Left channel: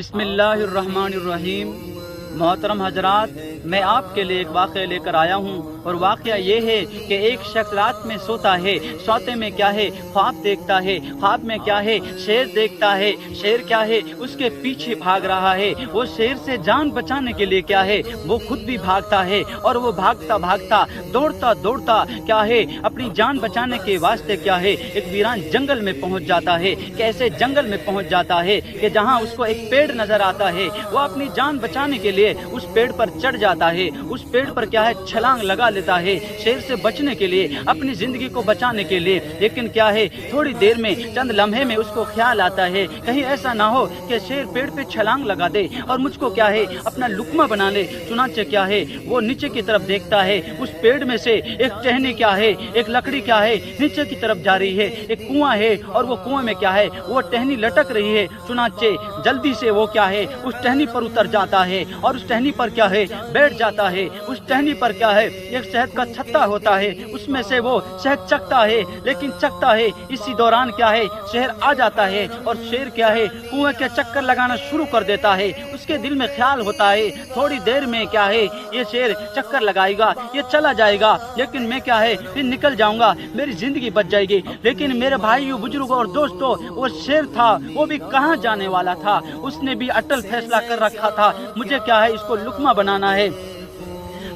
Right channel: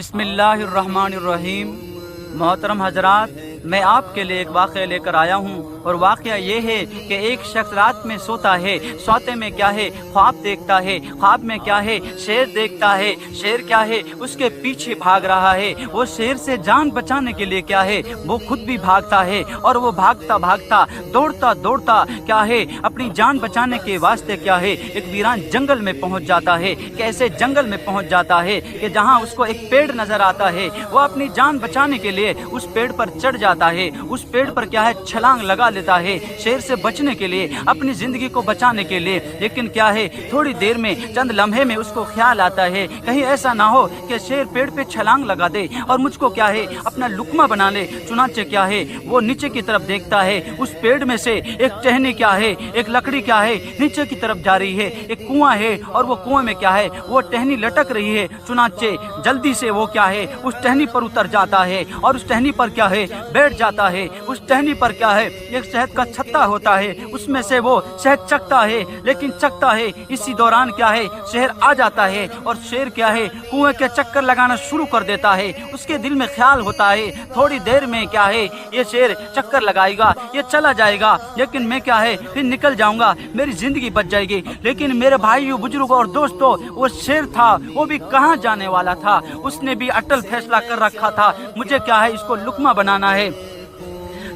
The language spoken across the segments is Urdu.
بسم اللہ الرحمن الرحیم۔ محترم حضرات، میں آپ کے لیے ایک واقعہ لے کر آیا ہوں، اور واقعہ یہ ہے کہ ایک شخص رات میں سوتا ہے، سوتے میں کیا ہے خواب دیکھتا ہے، خواب میں کیا ہے شیر دیکھتا ہے، شیر کیا ہے اس کے پیچھے بھاگ رہا ہے، وہ شیر سے جان بچانے کے لیے کیا ہے وہ خود بھی bھاگتا ہے، اور وہ بھاگتا بھاگتا دوڑتا دوڑتا کیا ہے اپنی جان بچانے کے واسطے کیا ہے ایک ویران جنگل میں پہنچ جاتا ہے۔ کیسے جنگل میں پہنچ جاتا ہے کہ جہاں اس کو ایک پیڑ نظر آتا ہے، وہ اپنی جان بچانے کے لیے اس پیڑ پر چڑھ جاتا ہے، اس پیڑ پر کیا ہے چھلانگ لگا لیتا ہے شیر سے بچنے کے لیے، اپنی زندگی کو بچانے کے لیے۔ لیکن کیا ہے تھوڑی دیر میں، چند لمحے میں اس کو خیال آتا ہے کہیں ایسا نہ ہو کہ شیر پیڑ پہ چھلانگ لگا دے اور مجھ کو کیا ہے اپنا لقمہ بنا لے۔ چنانچہ کیا ہے وہ نیچے کی طرف دیکھتا ہے، اس پیڑ میں سے ایک ٹہنی کیا ہے ایک لکڑی کیا ہے نیچے کی طرف جا رہی ہے، ایک کنواں ہے اور وہ کنویں میں کیا ہے وہ ٹہنی لٹک رہی ہے۔ چنانچہ جلدی سے وہ کیا ہے اس ٹہنی پر اتر جاتا ہے اور اس ٹہنی پر کیا ہے بیٹھ جاتا ہے۔ اس ٹہنی پر کیا ہے ایک شہد کا چھتا ہوتا ہے، اس میں سے وہ شہد چکتا ہے، لیکن چکتا ہے اسی دوران کیا ہے شیر آ جاتا ہے، اور شیر کیا ہے کنویں کے چکر لگانا شروع کر دیتا ہے۔ اس کے دل میں خیال ہوتا ہے تھوڑی دیر میں کیا ہے یہ شیر چکر لگائے گا، یہ چلا جائے گا، لیکن میں کیا ہے پھر نکل جاؤں گا، میری زندگی بچ جائے گی۔ لیکن میرے بھائیوں بزرگوں اور دوستوں، وہ شیر تھا وہ بھی کہاں جانے والا تھا، اس نے بھی اٹل فیصلہ کر رکھا تھا مجھے کیا ہے اس کو لقمہ بنانا ہے۔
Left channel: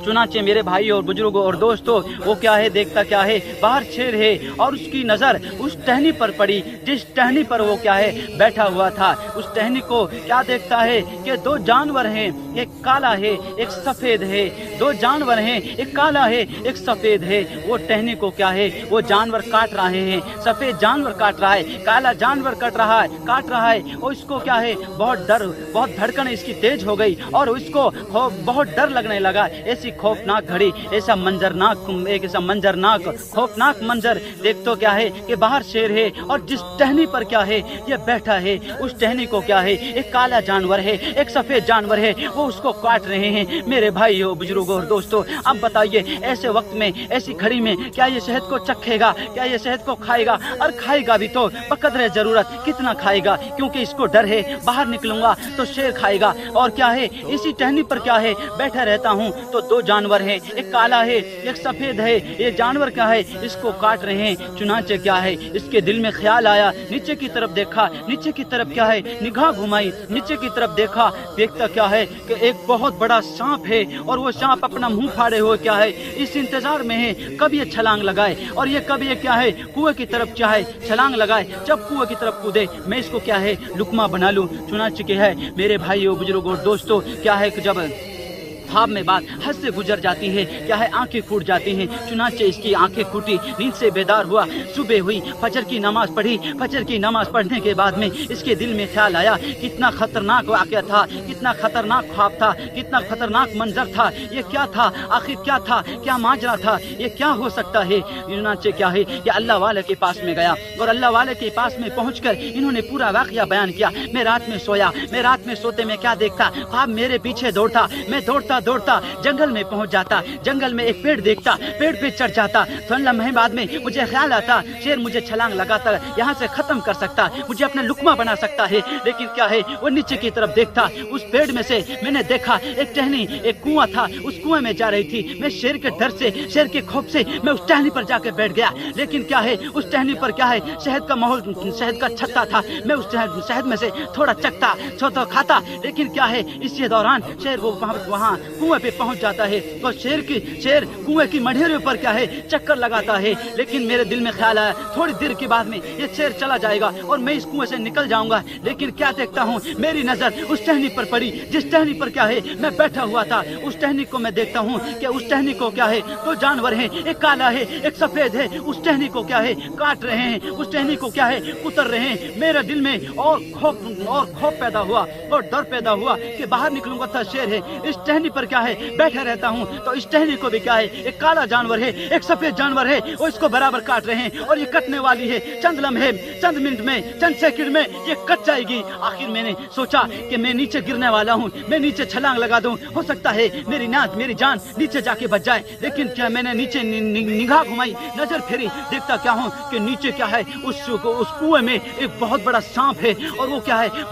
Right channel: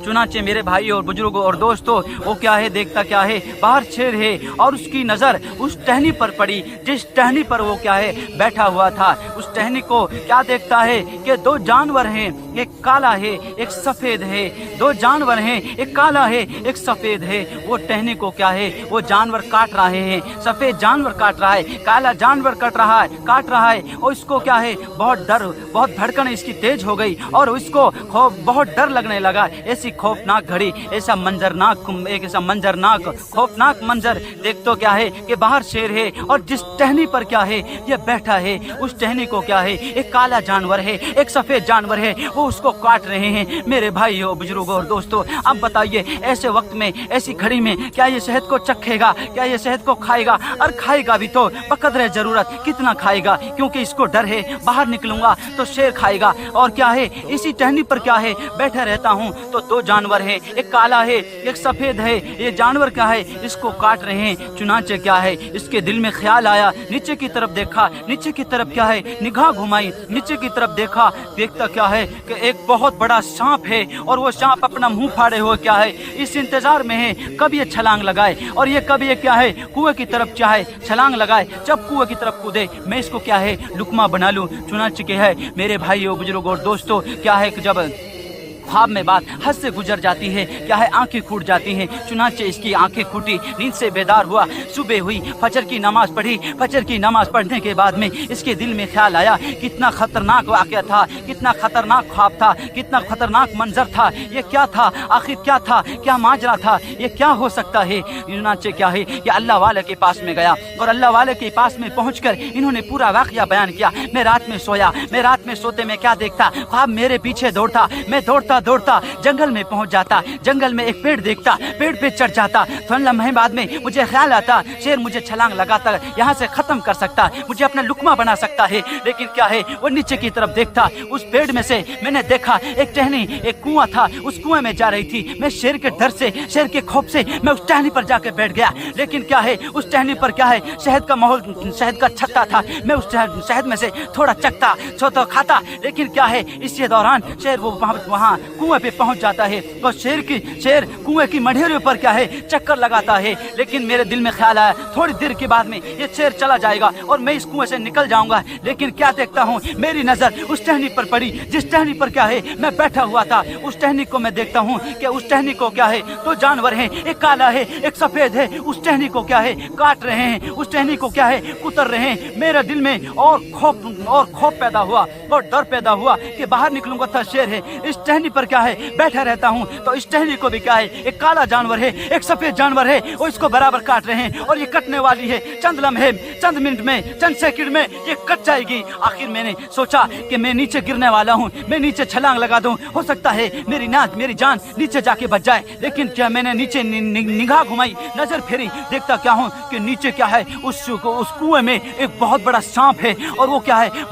چنانچہ میرے بھائی اور بزرگوں اور دوستوں، وہ کیا ہے دیکھتا کیا ہے باہر شیر ہے، اور اس کی نظر اس ٹہنی پر پڑی جس ٹہنی پر وہ کیا ہے بیٹھا ہوا تھا۔ اس ٹہنی کو کیا دیکھتا ہے کہ دو جانور ہیں، ایک کالا ہے ایک سفید ہے، دو جانور ہیں، ایک کالا ہے ایک سفید ہے۔ وہ ٹہنی کو کیا ہے وہ جانور کاٹ رہے ہیں، سفید جانور کاٹ رہا ہے، کالا جانور کاٹ رہا ہے، اور اس کو کیا ہے بہت دھڑکن اس کی تیز ہو گئی، اور اس کو بہت ڈر لگنے لگا۔ ایسی خوفناک گھڑی، ایسا منظرناک خوفناک منظر دیکھ تو کیا ہے کہ باہر شیر ہے، اور جس ٹہنی پر کیا ہے یہ بیٹھا ہے اس ٹہنی کو کیا ہے ایک کالا جانور ہے ایک سفید جانور ہے، وہ اس کو کاٹ رہے ہیں۔ میرے بھائیوں بزرگوں اور دوستوں، اب بتائیے ایسے وقت میں ایسی گھڑی میں کیا یہ شہد کو چکھے گا، کیا یہ شہد کو کھائے گا؟ اور کھائے گا بھی تو بقدر ضرورت کتنا کھائے گا، کیونکہ اس کو ڈر ہے باہر نکلوں گا تو شیر کھائے گا۔ اور کیا ہے اسی ٹہنی پر کیا ہے بیٹھا رہتا ہوں تو دو جانور ہیں، ایک کالا ہے ایک سفید ہے، یہ جانور کیا ہے اس کو کاٹ رہے ہیں۔ چنانچہ کیا ہے اس کے دل میں خیال آیا، نیچے کی طرف دیکھا، نیچے کی طرف کیا ہے نگاہ گھمائی، نیچے کی طرف دیکھا، دیکھتا کیا ہے کہ ایک بہت بڑا سانپ ہے، اور وہ سانپ اپنا منہ پھاڑے ہوئے کیا ہے اس انتظار میں ہے کب یہ چھلانگ لگائے، اور یہ کب یہ کیا ہے کنویں کی طرف کیا ہے چھلانگ لگائے، جب کنویں کی طرف کودے میں اس کو کیا ہے لقمہ بنا لوں۔ چنانچہ کیا ہے میرے بھائیوں بزرگوں اور دوستوں، کیا ہے کہ جب خواب میں بات حد سے گزر جاتی ہے، کیا ہے آنکھیں پھوٹ جاتی ہیں۔ چنانچہ اس کی آنکھیں پھوٹی، نیند سے بیدار ہوا، صبح ہوئی، فجر کی نماز پڑھی۔ فجر کی نماز پڑھنے کے بعد میں اس کے دل میں خیال آیا کتنا خطرناک واقعہ تھا، کتنا خطرناک خواب تھا، کتنا خطرناک منظر تھا، یہ کیا تھا آخر، کیا تھا، کیا ماجرا تھا، یہ کیا ہو سکتا ہے۔ چنانچہ کیا ہے کہ اللہ والے کے پاس میں گیا، اور اللہ والے کے پاس میں پہنچ کر انہوں نے پورا واقعہ بیان کیا۔ میں رات میں سویا، میں رات میں سوتے میں کیا دیکھتا، خواب میرے پیچھے دوڑتا، میں دوڑتا جنگل میں پہنچ جاتا، جنگل میں ایک پیڑ دیکھتا، پیڑ پہ چڑھ جاتا۔ تھوڑے لمحے بعد میں مجھے خیال آتا شیر مجھے چھلانگ لگاتا یہاں سے ختم کر سکتا، مجھے اپنا لقمہ بنا سکتا ہے۔ لیکن کیا ہے وہ نیچے کی طرف دیکھتا، اس پیڑ میں سے میں نے دیکھا ایک ٹہنی، ایک کنواں تھا، اس کنویں میں جا رہی تھی۔ میں شیر کے ڈر سے، شیر کے خوف سے میں اس ٹہنی پر جا کے بیٹھ گیا۔ لیکن کیا ہے اس ٹہنی پر کیا ہے شہد کا ماحول، شہد کا چھتا تھا، میں اس شہد میں سے تھوڑا چکھتا، چھوٹا کھاتا۔ لیکن کیا ہے اسی دوران شیر وہ وہاں کنویں پہ پہنچ جاتا ہے، تو شیر کنویں کی مڈھیرے پر کیا ہے چکر لگاتا ہے۔ لیکن میرے دل میں خیال آیا تھوڑی دیر کے بعد میں یہ شیر چلا جائے گا اور میں اس کنویں سے نکل جاؤں گا۔ لیکن کیا دیکھتا ہوں میری نظر اس ٹہنی پر پڑی جس ٹہنی پر کیا ہے میں بیٹھا ہوا تھا۔ اس ٹہنی کو میں دیکھتا ہوں کہ اس ٹہنی کو کیا ہے دو جانور ہیں، ایک کالا ہے ایک سفید ہے، اس ٹہنی کو کیا ہے کاٹ رہے ہیں، اس ٹہنی کو کیا ہے کتر رہے ہیں۔ میرے دل میں اور خوف پیدا ہوا اور ڈر پیدا ہوا کہ باہر نکلوں گا تو شیر ہے، اس ٹہنی پر کیا ہے بیٹھا رہتا ہوں تو اس ٹہنی کو بھی کیا ہے ایک کالا جانور ہے ایک سفید جانور ہے، اور اس کو برابر کاٹ رہے ہیں، اور یہ کٹنے والی ہے چند لمحے، چند منٹ میں، چند سیکنڈ میں یہ کٹ جائے گی۔ آخر میں نے سوچا کہ میں نیچے گرنے والا ہوں، میں نیچے چھلانگ لگا دوں، ہو سکتا ہے میری جان نیچے جا کے بچ جائے۔ لیکن کیا میں نے نیچے نگاہ گھمائی، نظر پھیری، دیکھتا کیا ہوں کہ نیچے کیا ہے اس کنویں میں ایک بہت بڑا سانپ ہے، اور وہ کیا ہے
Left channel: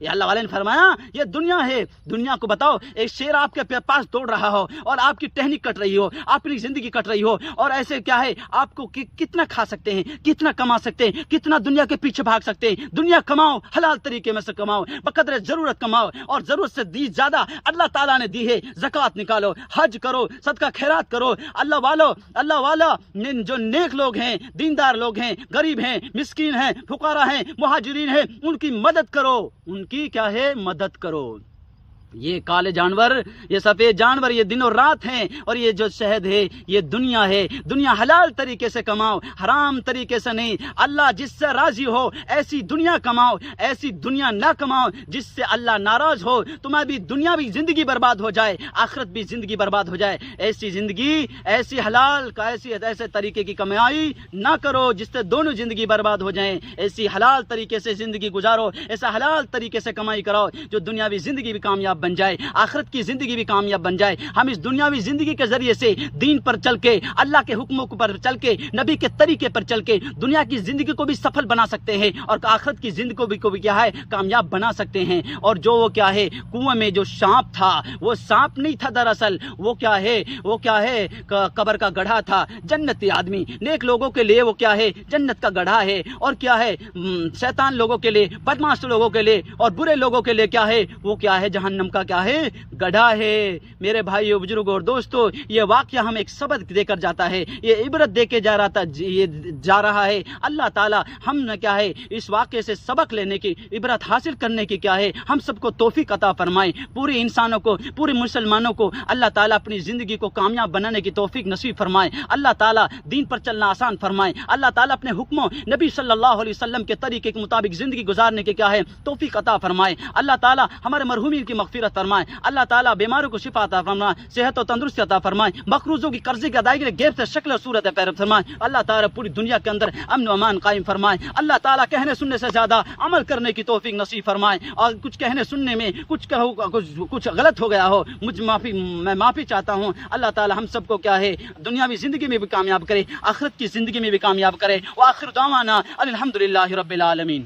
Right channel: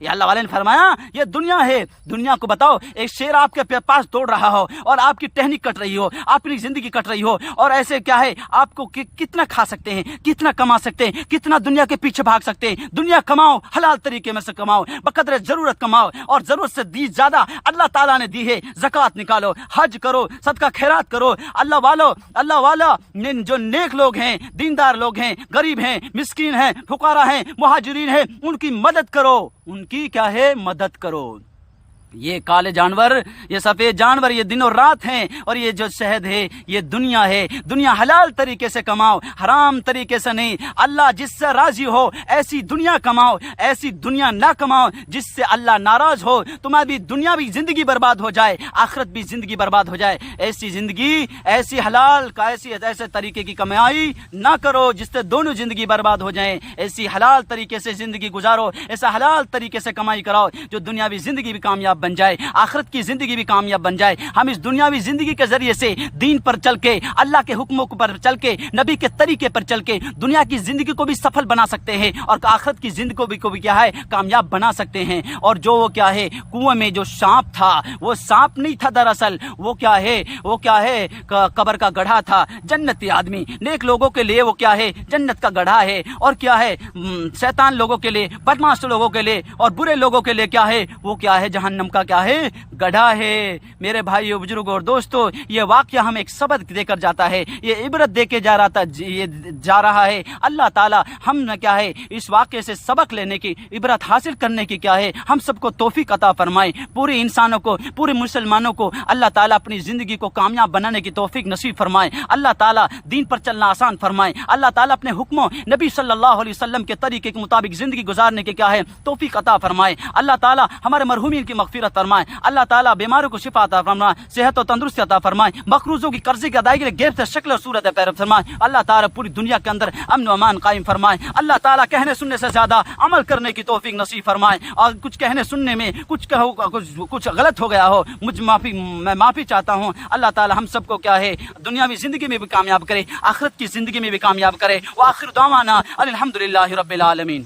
یہ اللہ والے نے فرمایا یہ دنیا ہے، دنیا کو بتاؤ ایک شیر آپ کے پاس دوڑ رہا ہو اور آپ کی ٹہنی کٹ رہی ہو، آپ کی زندگی کٹ رہی ہو، اور ایسے کیا ہے آپ کو کتنا کھا سکتے ہیں، کتنا کما سکتے ہیں، کتنا دنیا کے پیچھے بھاگ سکتے ہیں۔ دنیا کماؤ، حلال طریقے میں سے کماؤ، بقدر ضرورت کماؤ، اور ضرورت سے زیادہ اللہ تعالیٰ نے دی ہے زکوٰۃ نکالو، حج کرو، صدقہ خیرات کرو۔ اللہ والا جو نیک لوگ ہیں، دیندار لوگ ہیں، غریب ہیں، مسکین ہیں، فقراء ہیں، مہاجرین ہیں، ان کی مدد کرو، ان کی کیا ہے مدد کرو۔ یہ کالے جانور، یہ سفید جانور، یہ دن اور رات ہیں، اور یہ جو شہد ہے یہ دنیا ہے۔ دنیا حلال طریقے سے کماؤ، حرام طریقے سے نہیں۔ اللہ جس سے راضی ہو ایسی دنیا کماؤ، ایسی دنیا نہ کماؤ جس سے اللہ ناراض ہو، تمہاری دنیاوی زندگی برباد ہو جائے، آخرت بھی زندگی برباد ہو جائے۔ ایسی زندگی، ایسی حلال کا ایسے طریقے کی کمائی نہ کرو جس سے دونوں زندگی برباد ہو جائیں۔ ایسی حلال طریقے سے زندگی گزارو، ایسا حلال طریقے سے کمائی کراؤ جو دنیاوی زندگی بھی کامیاب بن جائے، آخرت کی زندگی بھی کامیاب بن جائے۔ ہم اس دنیاوی زندگی کے ذریعے سے دین پر چل کے، اللہ کے حکموں پر چل کے، نبی کے طریقے پر چل کے دنیا کی زندگی کو بھی سفل بنا سکتے ہیں، اور آخرت کی زندگی کو بھی کیا ہے کامیاب بنا سکتے ہیں۔ اور جو وہ کیا ہے کنویں میں جو سانپ تھا، وہ سانپ نہیں تھا، دراصل وہ کیا ہے قبر کا گڑھا تھا۔ جنتی آدمی نیک لوگوں کے لیے وہ کیا ہے جنت کا گڑھا ہے، اور کیا ہے شیطان لوگوں کے لیے، بدمعاش لوگوں کے لیے اور برے لوگوں کے لیے کیا ہے وہ کیا ہے جہنم کا کیا ہے گڑھا ہے۔ میرے بھائیو، بزرگوں اور دوستو، یہ واقعہ ہمیں ایک سبق دے کر جاتا ہے، یہ عبرت دے کے جا رہا ہے۔ اللہ تعالی ہم نے کیا ہے اس واقعے سے سبق لینے کی، عبرت حاصل کرنے کی کیا ہے ہم سب کو توفیق عطا فرمائے۔ پورے انسانوں کو، پورے مسلمانوں کو اللہ تعالیٰ اپنی زندگی کو کامیاب بنانے کی توفیق نصیب فرمائے۔ اللہ تعالیٰ دین پر چلنا آسان فرمائے۔ اللہ تعالیٰ اپنے حکموں، نبی صلی اللہ علیہ وسلم کے طریقے کے مطابق زندگی گزارنے کی کیا ہے توفیق عطا فرمائے۔ اللہ تعالیٰ ہمارے مرحومین کی مغفرت فرمائے۔ اللہ تعالیٰ بیماروں کو شفا عطا فرمائے، صحت و تندرستی عطا فرمائے، مقروضوں کی قرضے کی ادائیگی غیر سے شکل اور صورت پیدا فرمائے۔ اللہ تعالیٰ پوری دنیا کے اندر امن و امان قائم فرمائے۔ اللہ تعالیٰ کہنے سننے سے زیادہ عمل کرنے کی توفیق نصیب فرمائے، اور کچھ کہنے سننے میں کچھ غلط ہو گیا ہو میں معافی چاہتا ہوں۔ اللہ تعالیٰ ہم سب کو کیا ہے دنیاوی زندگی میں بھی کامیاب کرے، آخرت کی زندگی میں بھی کامیاب کرے۔ وآخر دعوانا الحمدللہ رب العالمین۔